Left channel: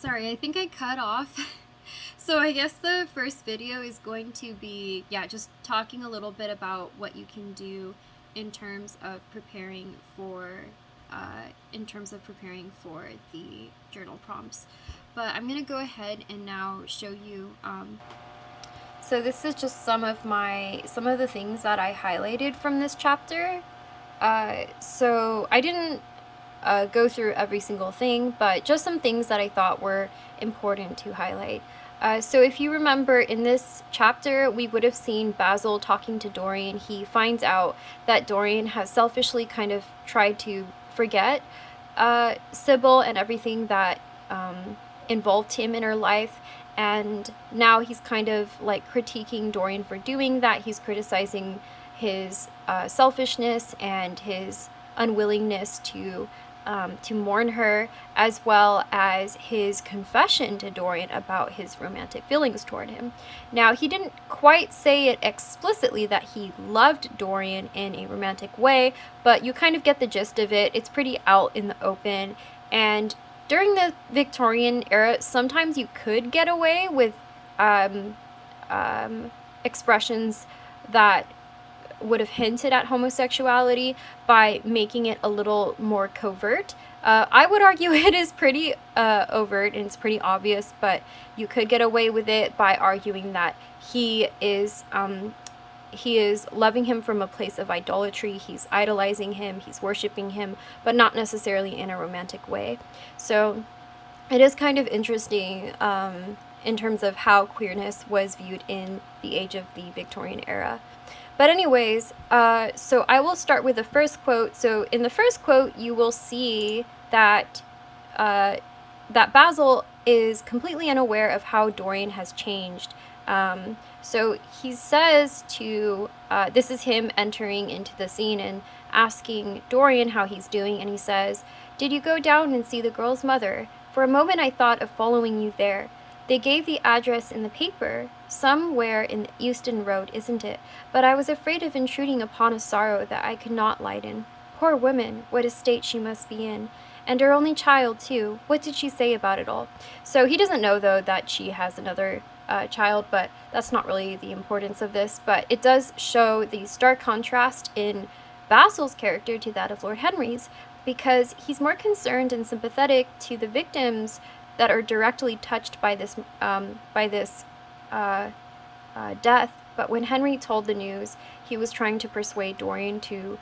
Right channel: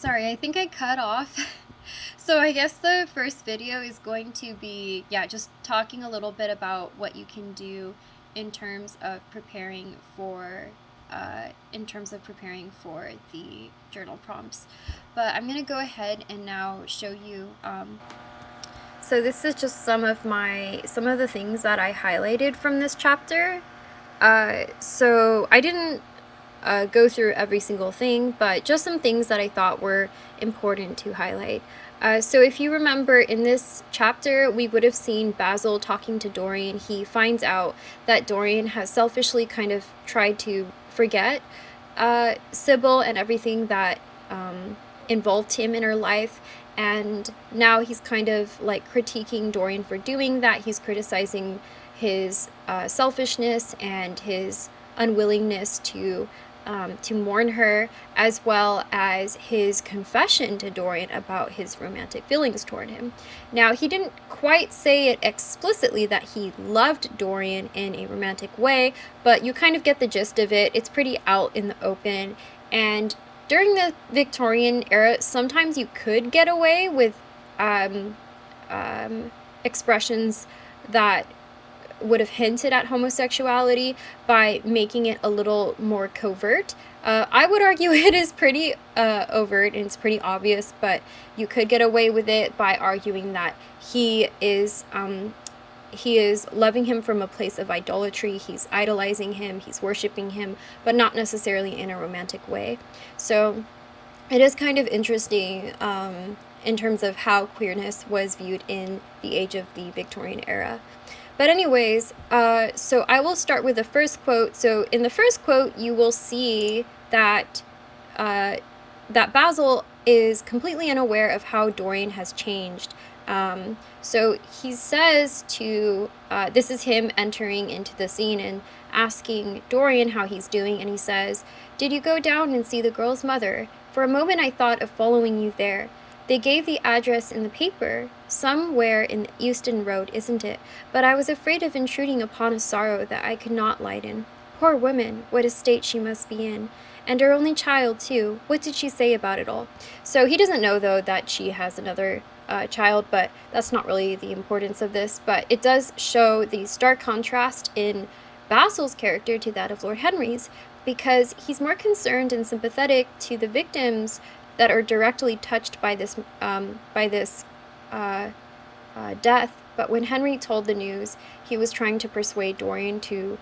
Sorry, I think I cut off. So I guess the first video is going to be, yeah, just talking a little bit about what you can do in terms of preparing for, the journal prompts. But I'm gonna go ahead and now show you. So this is just some of the things that I highlighted from this chapter. So I didn't go through every single thing, but just some things that I thought were important to highlight. So if you remember, in this chapter, we would have seen Basil talking to Dorian. He finds out that Dorian has selfishly kind of tried to forget Sybil and everything that involved him in her life. And now he's kind of like critiquing Dorian for doing that. He's criticizing his selfishness and his unwillingness to mourn her, as well as his confession to Dorian about his romantic feelings toward him. Now, he didn't quite say it explicitly that he loved Dorian in a romantic way, but you kind of get the gist of it. It's pretty out in the open, and during the Victorian era, sometimes you could get away with expressions that would have hinted at homosexuality by making it a little more covert. I would argue it is pretty overt and it's pretty obvious, but you could get away with it by arguing that he is loving him from a place of idolatry. He's idolizing him, he's worshiping him, but not necessarily in a romantic way. So it is kind of interesting in terms of how queerness was viewed in the age of the Victorian era. But anyways, so I will start with the first quote. So in the first quote, you will see that that Basil is completely unaware of how Dorian has changed. So he says to, this is him entering into the scene and asking Dorian how he's doing, and he says, "Did you go down and see the girl's mother? For a moment I thought of following you there. They gave the address in the paper, somewhere in Euston Road, isn't it? But I was afraid of intruding upon a sorrow that I could not lighten. Poor woman, what a state she must be in. And her only child, too. What did she say about it all?" So he doesn't know, though, that she has another child, but that's not really the importance of this. But it does show the stark contrast in Basil's character to that of Lord Henry's, because he's more concerned and sympathetic to the victims that are directly touched by this death. But when Henry told the news, he was trying to persuade Dorian to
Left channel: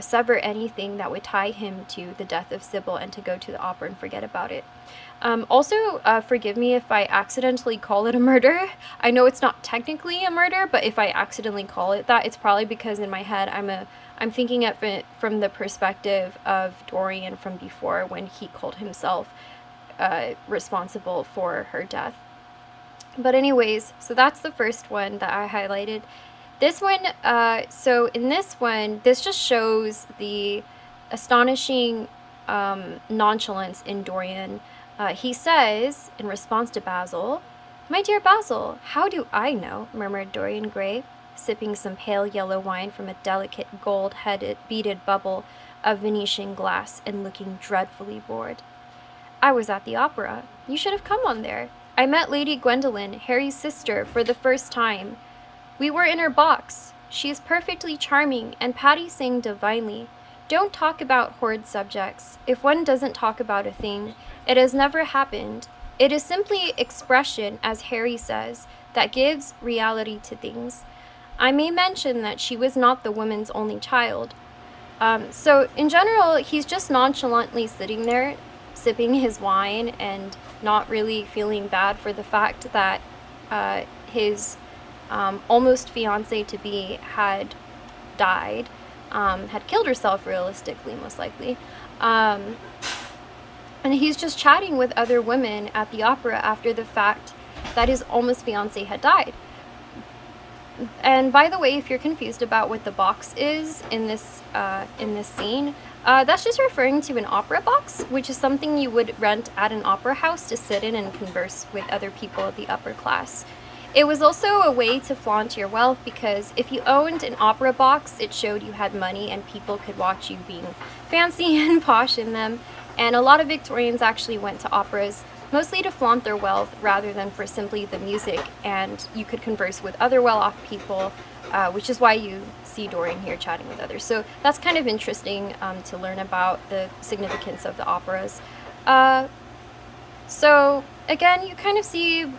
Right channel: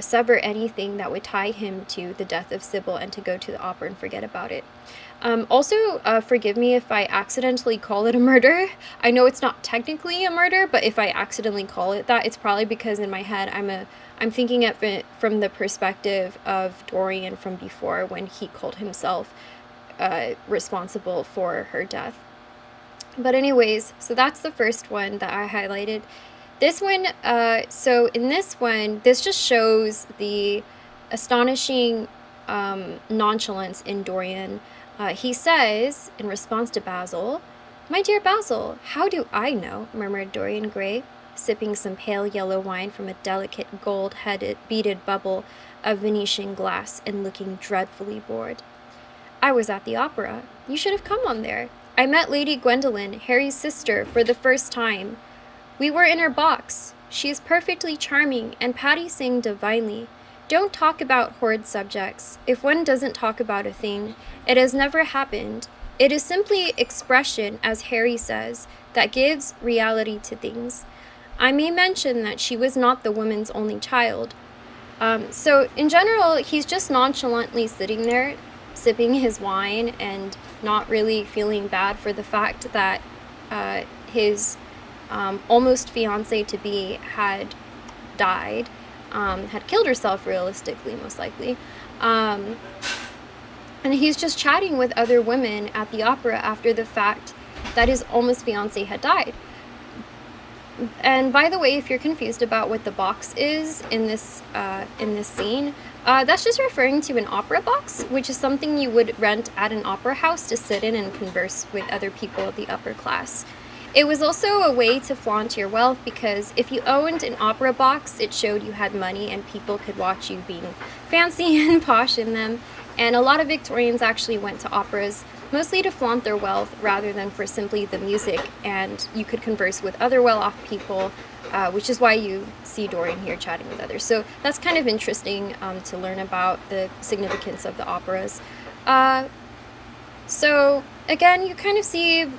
sever anything that would tie him to the death of Sybil and to go to the opera and forget about it. Also, forgive me if I accidentally call it a murder. I know it's not technically a murder, but if I accidentally call it that, it's probably because in my head I'm thinking of it from the perspective of Dorian from before, when he called himself responsible for her death. But anyways, so that's the first one that I highlighted. This one, so in this one, this just shows the astonishing nonchalance in Dorian. He says, in response to Basil, "My dear Basil, how do I know?" murmured Dorian Gray, sipping some pale yellow wine from a delicate gold-headed beaded bubble of Venetian glass and looking dreadfully bored. "I was at the opera. You should have come on there. I met Lady Gwendolen, Harry's sister, for the first time. We were in her box. She is perfectly charming, and Patty sang divinely. Don't talk about horrid subjects. If one doesn't talk about a thing, it has never happened. It is simply expression, as Harry says, that gives reality to things. I may mention that she was not the woman's only child." So in general, he's just nonchalantly sitting there, sipping his wine and not really feeling bad for the fact that his almost fiancée-to-be had died, had killed herself realistically, most likely. And he's just chatting with other women at the opera after the fact that his almost fiancée had died. And by the way, if you're confused about what the box is in this scene, that's just referring to an opera box, which is something you would rent at an opera house to sit in and converse with other people of the upper class. It was also a way to flaunt your wealth, because if you owned an opera box, it showed you had money and people could watch you being fancy and posh in them. And a lot of Victorians actually went to operas mostly to flaunt their wealth rather than for simply the music, and you could converse with other well-off people, which is why you see Dorian here chatting with others. So that's kind of interesting to learn about the significance of the operas. So again, you kind of see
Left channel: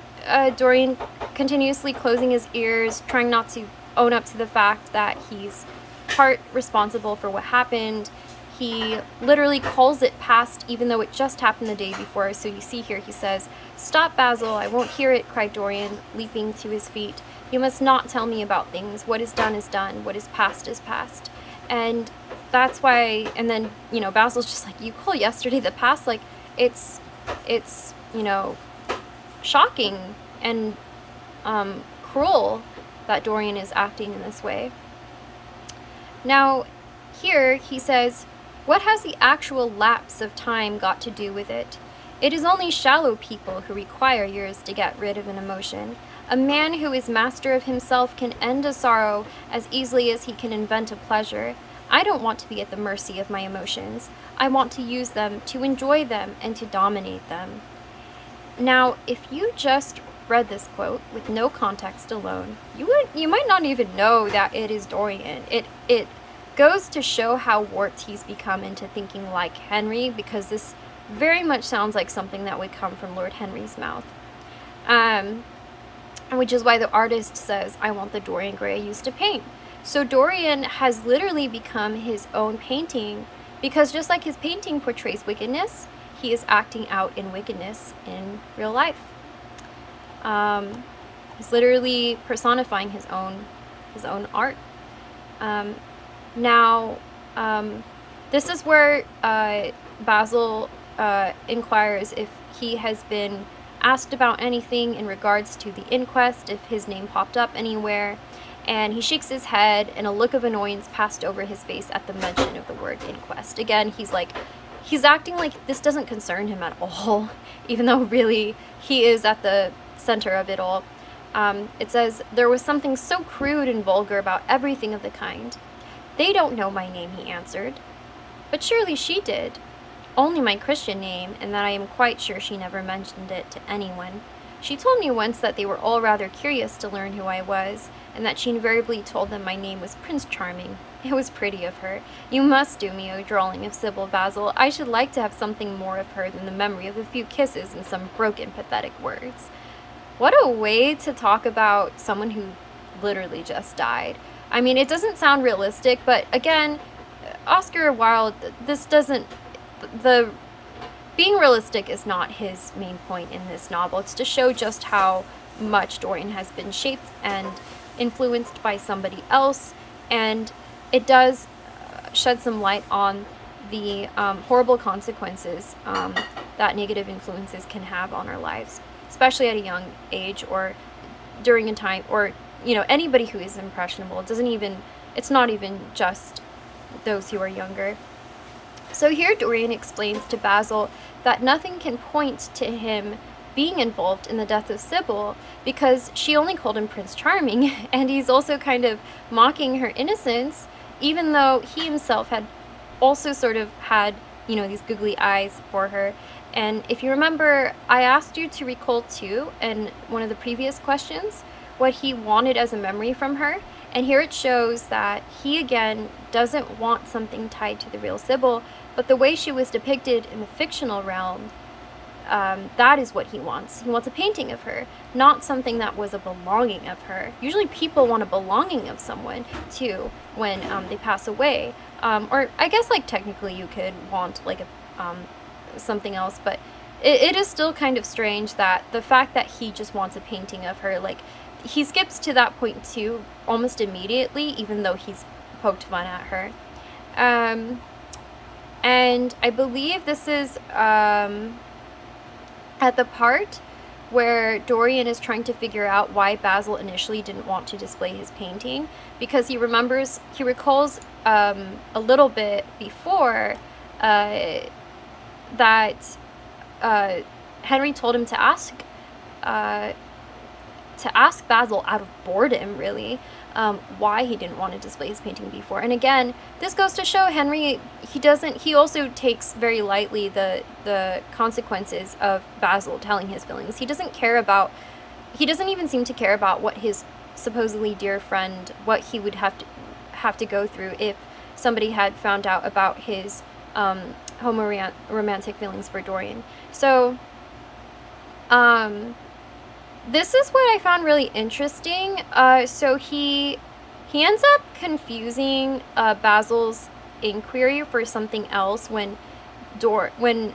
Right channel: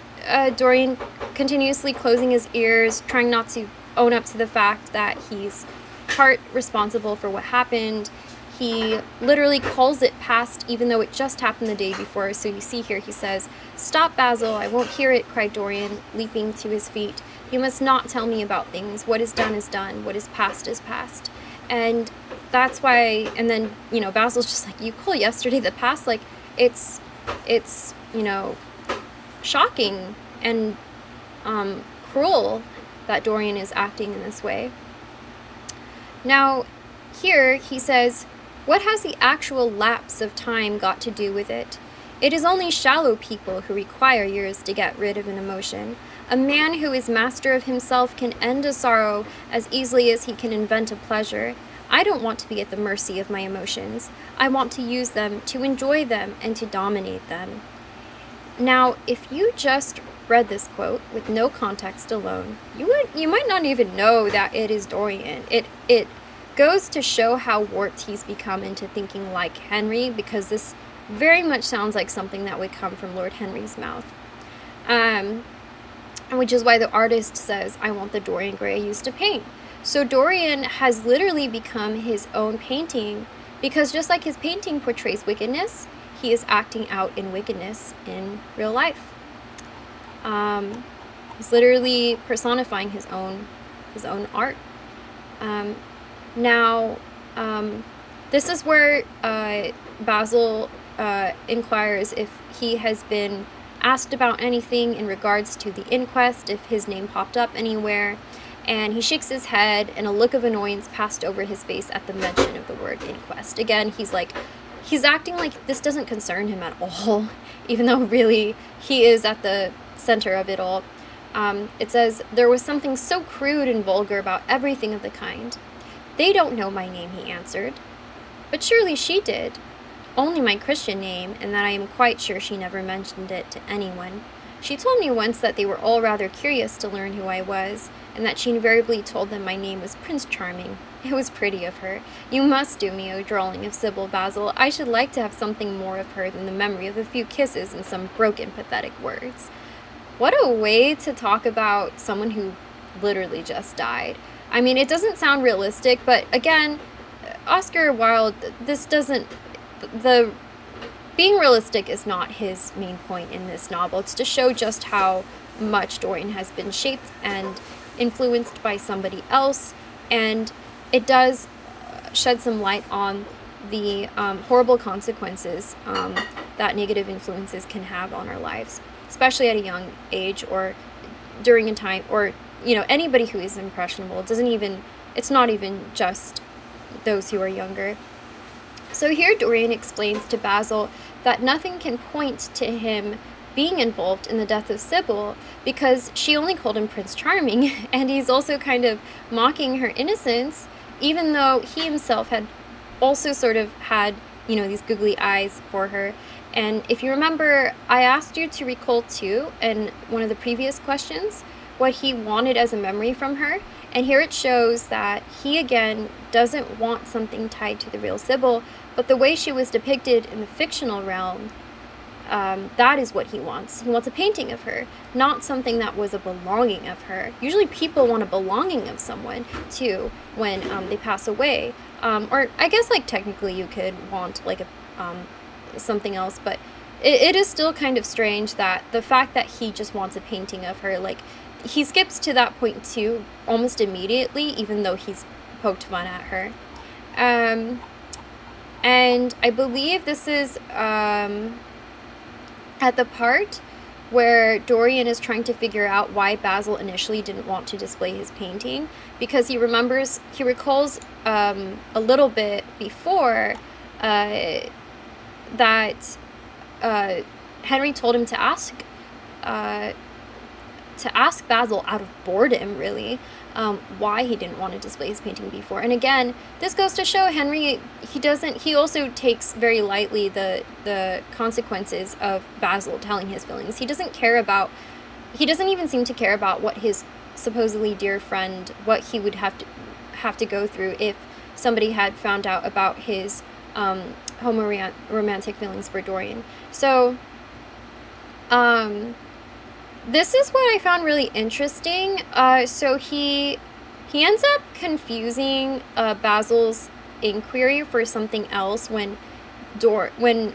Dorian continuously closing his ears, trying not to own up to the fact that he's part responsible for what happened. He literally calls it past, even though it just happened the day before. So you see here, he says, "Stop, Basil, I won't hear it," cried Dorian, leaping to his feet. "You must not tell me about things. What is done is done. What is past is past." And that's why, and then, Basil's just like, "You call yesterday the past?" Like, it's shocking and cruel that Dorian is acting in this way. Now, here he says, "What has the actual lapse of time got to do with it? It is only shallow people who require years to get rid of an emotion. A man who is master of himself can end a sorrow as easily as he can invent a pleasure. I don't want to be at the mercy of my emotions. I want to use them, to enjoy them, and to dominate them." Now, if you just read this quote with no context alone, you might not even know that it is Dorian. It goes to show how warped he's become into thinking like Henry, because this very much sounds like something that would come from Lord Henry's mouth. Which is why the artist says, "I want the Dorian Gray I used to paint." So Dorian has literally become his own painting, because just like his painting portrays wickedness, he is acting out in wickedness in real life. He's literally personifying his own art. Now, this is where Basil inquires if he has been asked about anything in regards to the inquest, if his name popped up anywhere, and he shakes his head, and a look of annoyance passed over his face at the mention of the word inquest. Again, he's acting like this doesn't concern him at all, even though really he is at the center of it all. It says, "There was something so crude and vulgar about everything of the kind." "They don't know my name," he answered. "But surely she did." "Only my Christian name, and that I am quite sure she never mentioned it to anyone. She told me once that they were all rather curious to learn who I was, and that she invariably told them my name was Prince Charming. It was pretty of her. You must do me a drawing of Sybil, Basil. I should like to have something more of her than the memory of a few kisses and some broken, pathetic words." What a way to talk about someone who literally just died. I mean, it doesn't sound realistic, but again, Oscar Wilde, being realistic is not his main point in this novel. It's to show just how much Dorian has been shaped and influenced by somebody else, and it does shed some light on the horrible consequences that negative influences can have on our lives, especially at a young age or during a time, or anybody who is impressionable. It's not even just those who are younger. So here Dorian explains to Basil that nothing can point to him being involved in the death of Sybil, because she only called him Prince Charming, and he's also kind of mocking her innocence, even though he himself had also sort of had, these googly eyes for her. And if you remember, I asked you to recall too, in one of the previous questions, what he wanted as a memory from her. And here it shows that he, again, doesn't want something tied to the real Sybil, but the way she was depicted in the fictional realm, that is what he wants. He wants a painting of her, not something that was a belonging of her. Usually people want a belonging of someone, too, when they pass away. Or I guess, technically you could want, something else, but it is still kind of strange that the fact that he just wants a painting of her, he skips to that point too almost immediately, even though he's poked fun at her. And I believe this is at the part where Dorian is trying to figure out why Basil initially didn't want to display his painting, because he recalls a little bit before that Henry told him to ask Basil out of boredom, really, why he didn't want to display his painting before. And again, this goes to show Henry, he also takes very lightly the consequences of Basil telling his feelings. He doesn't even seem to care about what his supposedly dear friend, what he would have to go through if somebody had found out about his romantic feelings for Dorian. So this is what I found really interesting. So he ends up confusing Basil's inquiry for something else when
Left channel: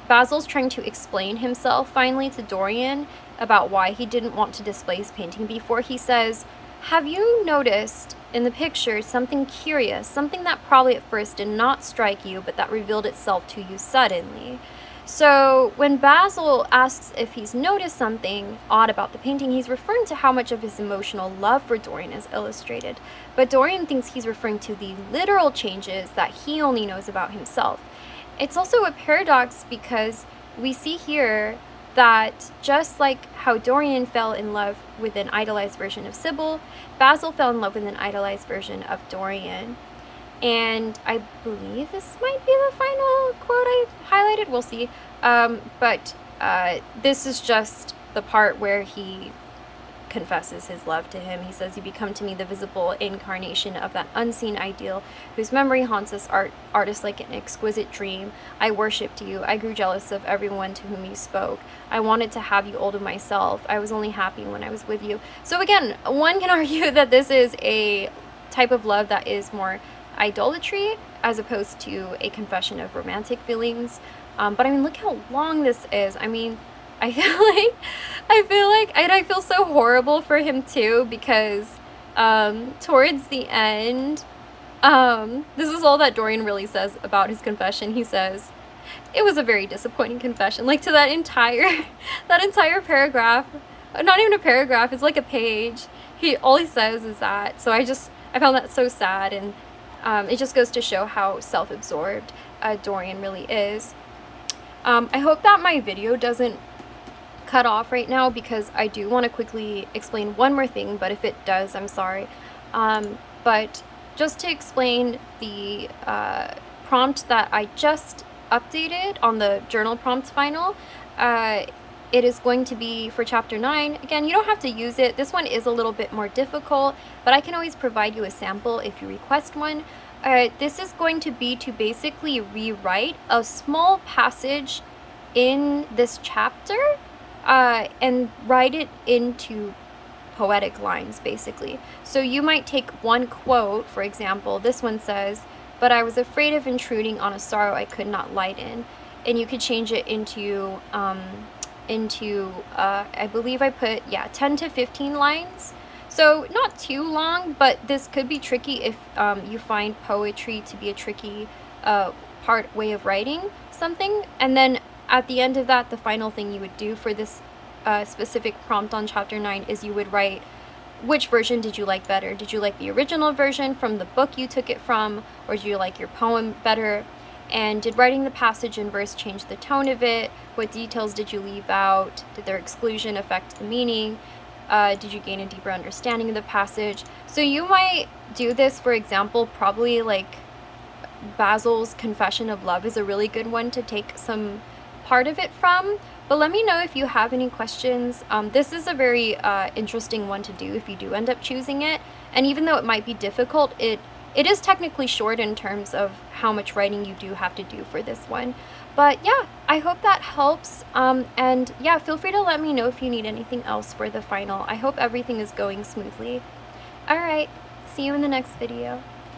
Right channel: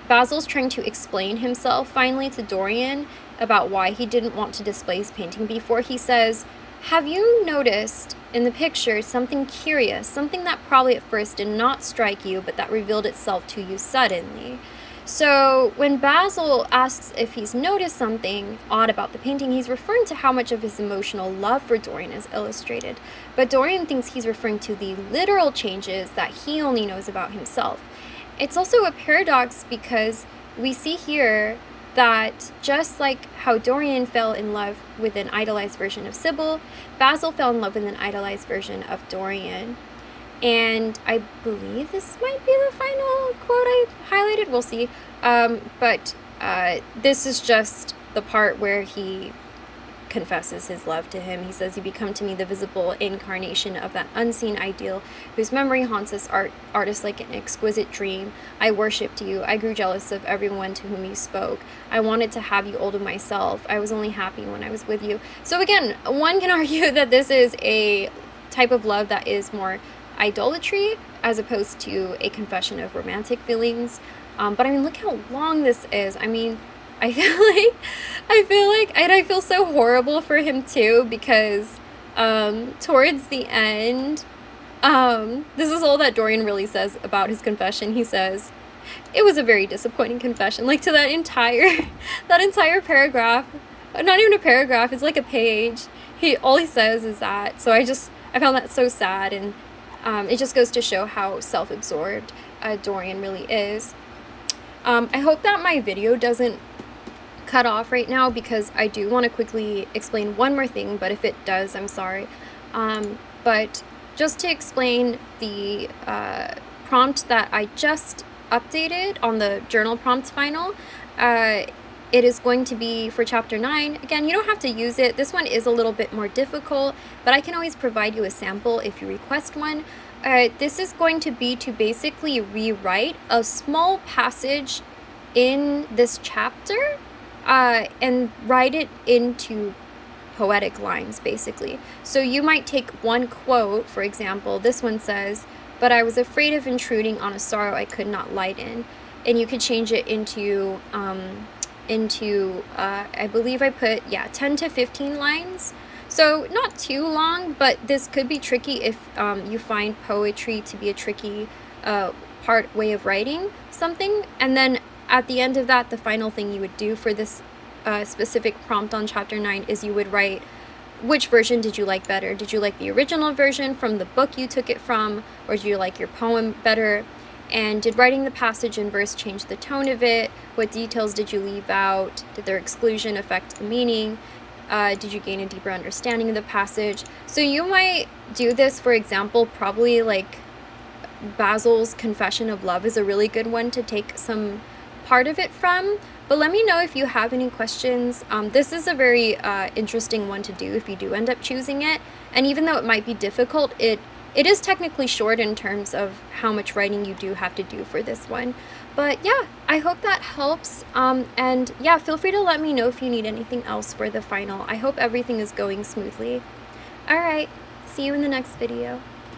Basil's trying to explain himself finally to Dorian about why he didn't want to display his painting before. He says, "Have you noticed in the picture something curious, something that probably at first did not strike you, but that revealed itself to you suddenly?" So when Basil asks if he's noticed something odd about the painting, he's referring to how much of his emotional love for Dorian is illustrated. But Dorian thinks he's referring to the literal changes that he only knows about himself. It's also a paradox because we see here that just like how Dorian fell in love with an idolized version of Sybil, Basil fell in love with an idolized version of Dorian. And I believe this might be the final quote I highlighted. We'll see. But this is just the part where he confesses his love to him. He says, "You become to me the visible incarnation of that unseen ideal whose memory haunts us artists like an exquisite dream. I worshipped you. I grew jealous of everyone to whom you spoke. I wanted to have you all to myself. I was only happy when I was with you." So again, one can argue that this is a type of love that is more idolatry as opposed to a confession of romantic feelings. But I mean, look how long this is. I mean, I feel so horrible for him too, because towards the end, this is all that Dorian really says about his confession. He says, "It was a very disappointing confession." Like, to that entire paragraph, not even a paragraph, it's like a page. All he says is that. So I found that so sad, and it just goes to show how self-absorbed Dorian really is. I hope that my video doesn't cut off right now, because I do want to quickly explain one more thing, but if it does, I'm sorry. But just to explain the prompt that I just updated on the journal prompt final, it is going to be for chapter 9. Again, you don't have to use it. This one is a little bit more difficult, but I can always provide you a sample if you request one. This is going to be to basically rewrite a small passage in this chapter and write it into poetic lines, basically. So you might take one quote, for example, this one says, "But I was afraid of intruding on a sorrow I could not lighten," and you could change it into I believe I put 10 to 15 lines. So not too long, but this could be tricky if you find poetry to be a tricky way of writing something. And then at the end of that, the final thing you would do for this specific prompt on chapter 9 is you would write, which version did you like better? Did you like the original version from the book you took it from, or did you like your poem better? And did writing the passage in verse change the tone of it? What details did you leave out? Did their exclusion affect the meaning? Did you gain a deeper understanding of the passage? So you might do this, for example, probably like Basil's confession of love is a really good one to take some part of it from. But let me know if you have any questions. This is a very interesting one to do if you do end up choosing it. And even though it might be difficult, it is technically short in terms of how much writing you do have to do for this one. But yeah, I hope that helps. And yeah, feel free to let me know if you need anything else for the final. I hope everything is going smoothly. All right, see you in the next video.